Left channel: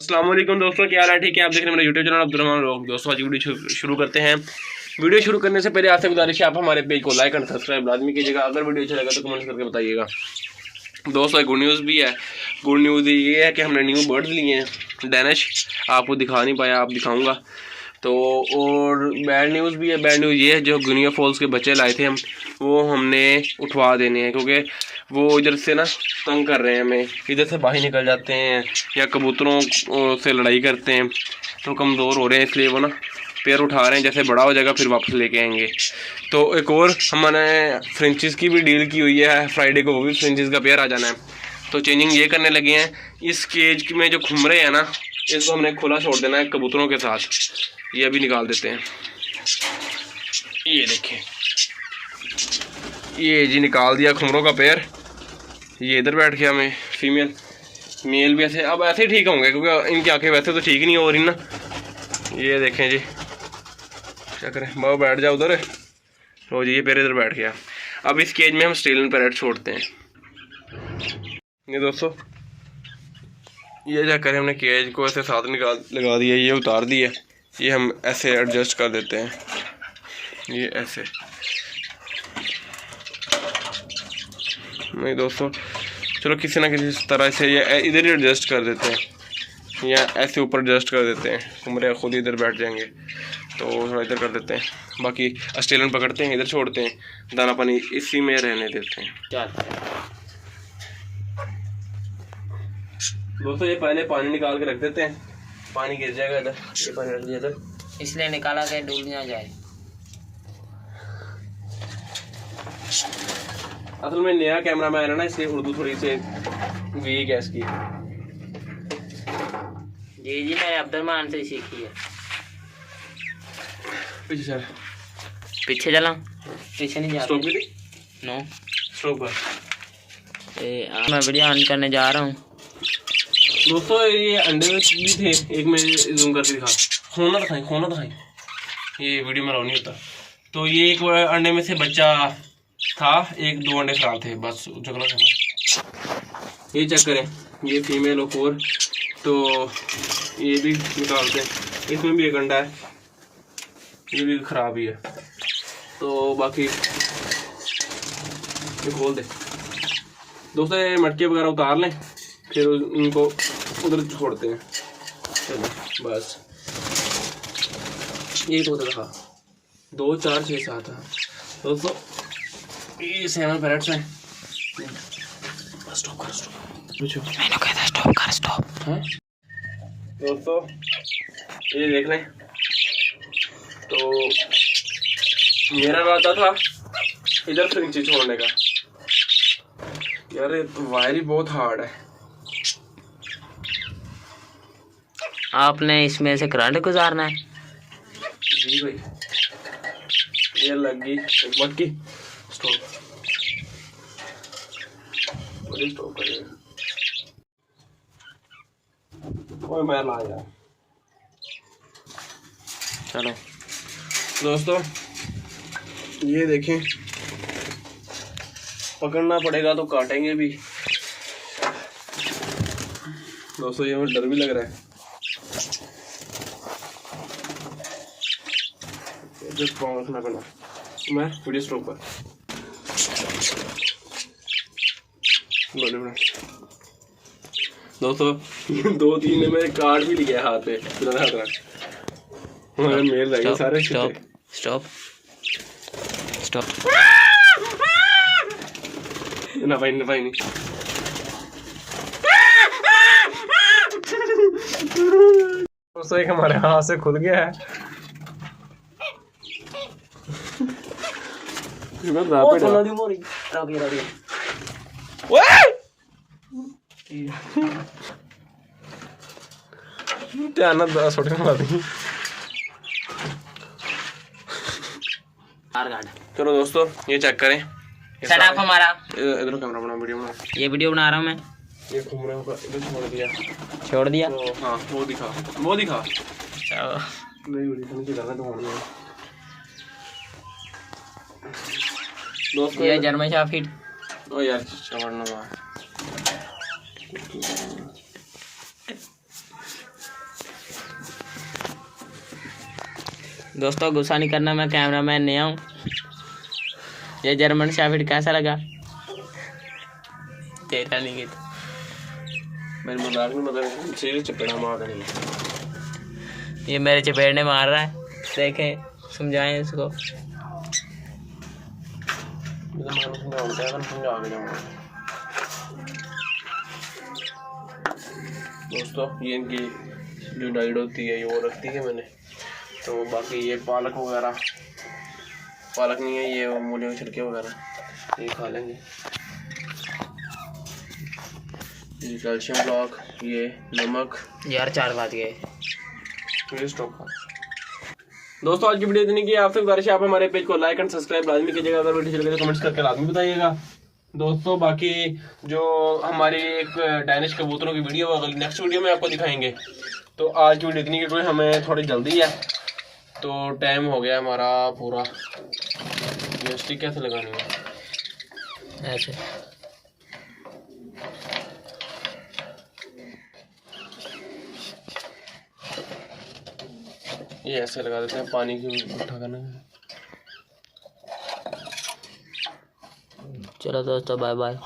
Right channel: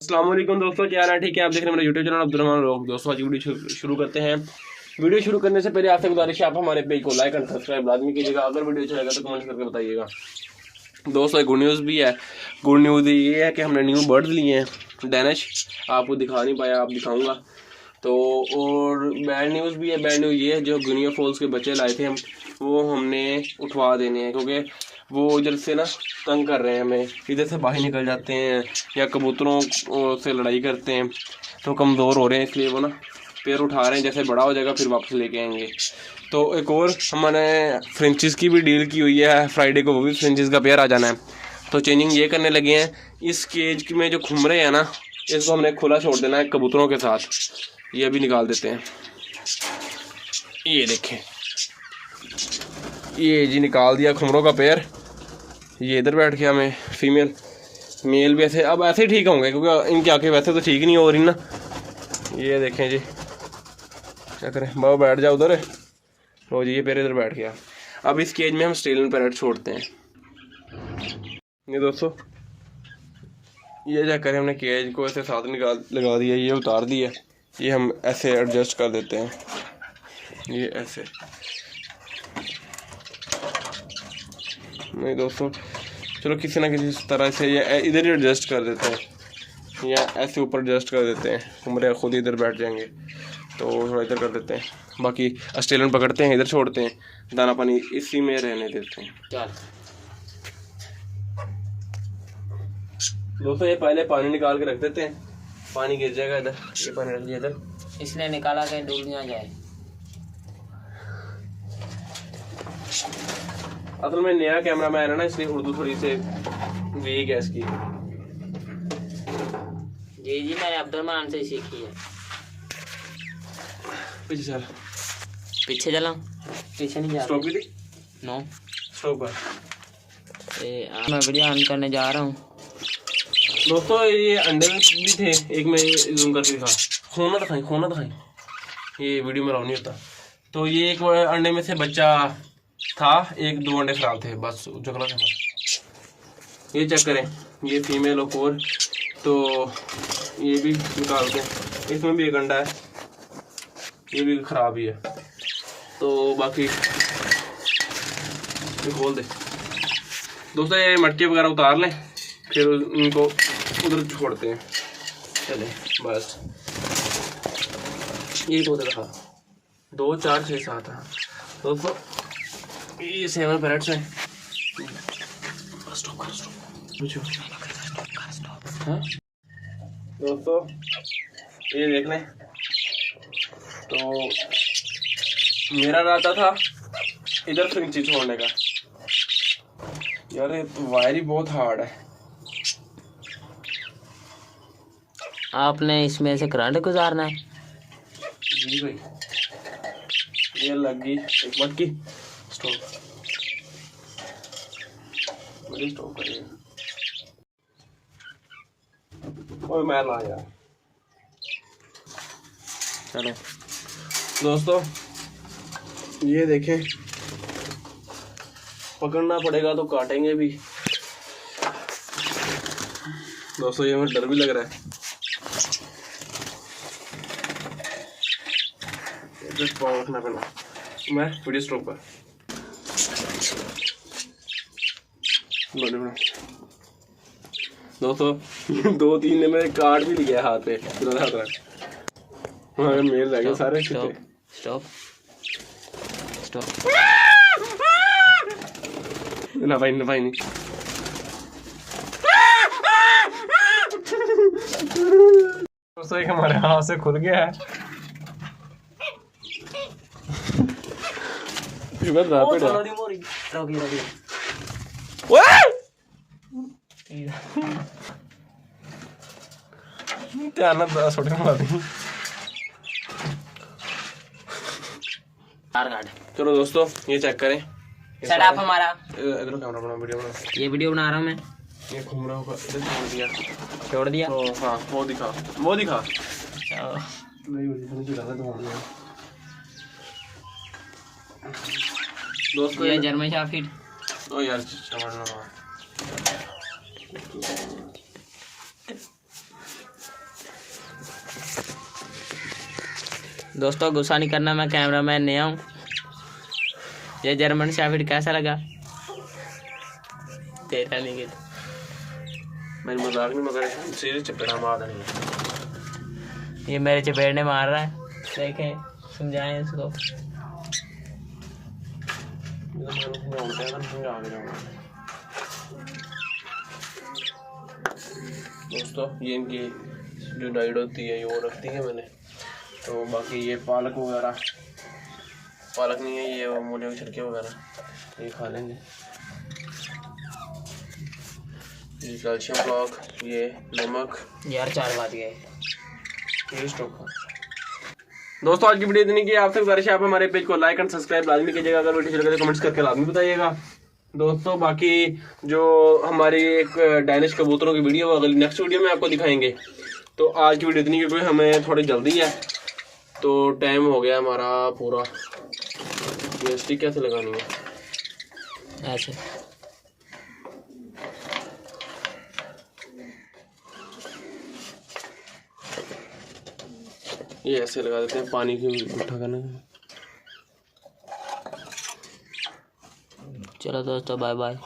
अस्सलाम वालेकुम दोस्तों, क्या हाल है? ठीक है, आप देख रहे हैं मेरा यूट्यूब चैनल अब्दुर्रहमान व्लॉग। दोस्तों आज की वीडियो शुरू करते हैं। वीडियो शुरू करने से पहले आपसे गुजारिश है, आप हमारे पेज को लाइक एंड सब्सक्राइब लाजमी कीजिएगा। अगर वीडियो अच्छा लगा तो कमेंट करके बताइएगा। दोस्तों एक गुड न्यूज़ भी है। गुड न्यूज़ ये है कि हमने न्यू बर्ड्स लिए हैं डैनिश। आपको दिखा नहीं पाया, आप दिखाऊँगा तो। और बैड न्यूज़ भी है। बैड न्यूज़ ये है, जो गुनिया फॉल्स के बच्चे लाए थे हम, वो हमने उठवा देने हैं, क्योंकि वो इधर से ना तंग कर रहे हैं हमें। इधर से बाहर निकल जाते हैं या कबूतरों से लड़ाई करते हैं, तो कमज़ोर हो रहे हैं, इसलिए वो ना पैर उठा रहे हैं। जैसे बड़ा हो जाएगा फिर वापस लेके आएंगे। तो एक और हमने फ्रेंचिस की भी डील की हुई है, फ्राइडे को वो भी फ्रेंचिस का पेयर आ जाना है। तो चेंजिंग ये करने लगे हैं। इस केज में जो खुमरे हैं ना, इसको हमने खुला छोड़ देना है कबूतरों के साथ। ये अभी निकाल देते हैं। ये देखें, ये जी निकाल दिया खुमरों का पेयर। ये इधर बैठ गया हमें फीमेल। मेल भी ऐसे अब ऐसे ही ठीक होंगे, क्योंकि इनकी आंखें वैसे तो ठीक नहीं हो रही ना। ये देखें जी, क्या करें, बाबा बैठ जाओ उधर। तो जी ये पेयर इधर बैठ गया। अब इस केज में हम ऑस्ट्रेलियन पैरेट छोड़ते हैं। ये दोस्तों ये क्या करें, हमने केज को ऐसे साथ लगा दिया, ये उतार दिया। ये हम ऐसे एडजस्ट कर देते हैं, ये ऐसे। नहीं दोस्तों, चलो किसी ना किसी तरह से ये इधर ही एडजस्ट कर देते हैं, या ऐसे ऊपर एडजस्ट कर देते हैं। कुमरे खुद इधर बैठ जाएंगे, तो थोड़ा इधर कर देते हैं। बाकी ऑस्ट्रेलियन पकड़ते हैं, इधर छोड़ते हैं, दाना पानी इसी में रहने देते हैं। क्या दोस्तों, ये पहले पानी निकाल के रख देते हैं, पानी गिर जाएगा इधर। ये पानी रख दिया इधर, इसलिए निकाला कि डूब ना जाए। असल में नया कैमरा मैन है ना, इसलिए उर्दू थोड़ी सी वीक है इसकी। जी मैंने अब्दुर्रहमान से सीखी है। पीछे चल, पीछे चला, पीछे नहीं जा स्टॉप रहा। कर, नो स्टॉप कर। मैं वीडियो ऑन करने जा रहा हूँ। दोस्तों ये अंडे भी थे, एक में जूम करके दिखा, खोना दिखाई। ये वीडियो में नहीं होता। तो ये एक अंडे में से बच्चा था, एक दो अंडे खराब थे, बस झगड़ा था। ये चेक करें, ये फीमेल और तो ये भी निकालते हैं। इसमें भी एक अंडा है, ये भी खराब ही है। तो बाकी ये खोल दे दोस्तों, ये मटके वगैरह उतार लें, फिर उनको उधर छोड़ते हैं। चलो बस, ये तो दिखा 2 4 6 7 है दोस्तों। ये 7 पैरेट्स हैं। स्टॉप मैंने कहा था स्टॉप कर, स्टॉप। हाँ दोस्तों, ये देख लें। तो मेरा इरादा था इधर फ्रेंची छोड़ने का। यार ये तो वायर ही बहुत हार्ड है। आपने इसमें से करंट गुजारना है। जी भाई, ये लग गई एक मटकी। स्टॉप करिएगा। ओए मैं ला यार। चलो दोस्तों ये देखें, पकड़ना पड़ेगा तो काटेंगे भी। दोस्तों ये मुझे डर भी लग रहा है। रखना पड़ा। मैं वीडियो स्टॉप कर। दोस्तों 2-3 ने मेरे काट भी लिया हाथ पे। मेल रह गए सारे। स्टॉप ना भाई नहीं। दोस्तों एक हमारे हाथ से खुल गया है। चलो दोस्तों ये चेक करें। सेटअप हमारा। इधर कैमरा बना, वीडियो बना। ये वीडियो बना रहा हूँ मैं। ये घूम रहा होगा, इधर छोड़ दिया। तो हाँ वो दिखा। दोस्तों ये जर्मन शेफर्ड। ओ यार छोड़ना यार। दोस्तों गुस्सा नहीं करना, मैं कैमरामैन नहीं हूँ। ये जर्मन शेफर्ड कैसा लगा? तेरा नहीं गया, मेरी मजाक नहीं मगर सीरियस चपेड़ा मार देंगे। ये मेरे चपेड़ने मार रहा है, देखें समझाएं इसको। दोस्तों ये इनकी जो डाइट होती है ये वो रखती है मैंने, तो बाकी ये पालक वगैरह, पालक नहीं है ये मूली के छिलके वगैरह ये खा लेंगे। ये कैल्शियम ब्लॉक, ये नमक। यार 4 बात गए। दोस्तों आज की वीडियो इतनी की, आपसे गुजारिश है आप हमारे पेज को लाइक एंड सब्सक्राइब लाजमी कीजिएगा। अगर वीडियो अच्छी लगे तो कमेंट्स करके लाजमी बताइएगा। दोस्तों बाकी जो हमारी एक डायनिश कबूतरों की वीडियो अगली नेक्स्ट वीडियो में आपको दिखाएंगे। तो आज की वीडियो इतनी, क्योंकि हमें थोड़ी जल्दी है तो टाइम हो गया हमारा पूरा। ये स्टिक कैसे लगानी है? ऐसे ये ऐसे लगा देते हैं, पानी की उठा करना। चलो दोस्तों बाय बाय।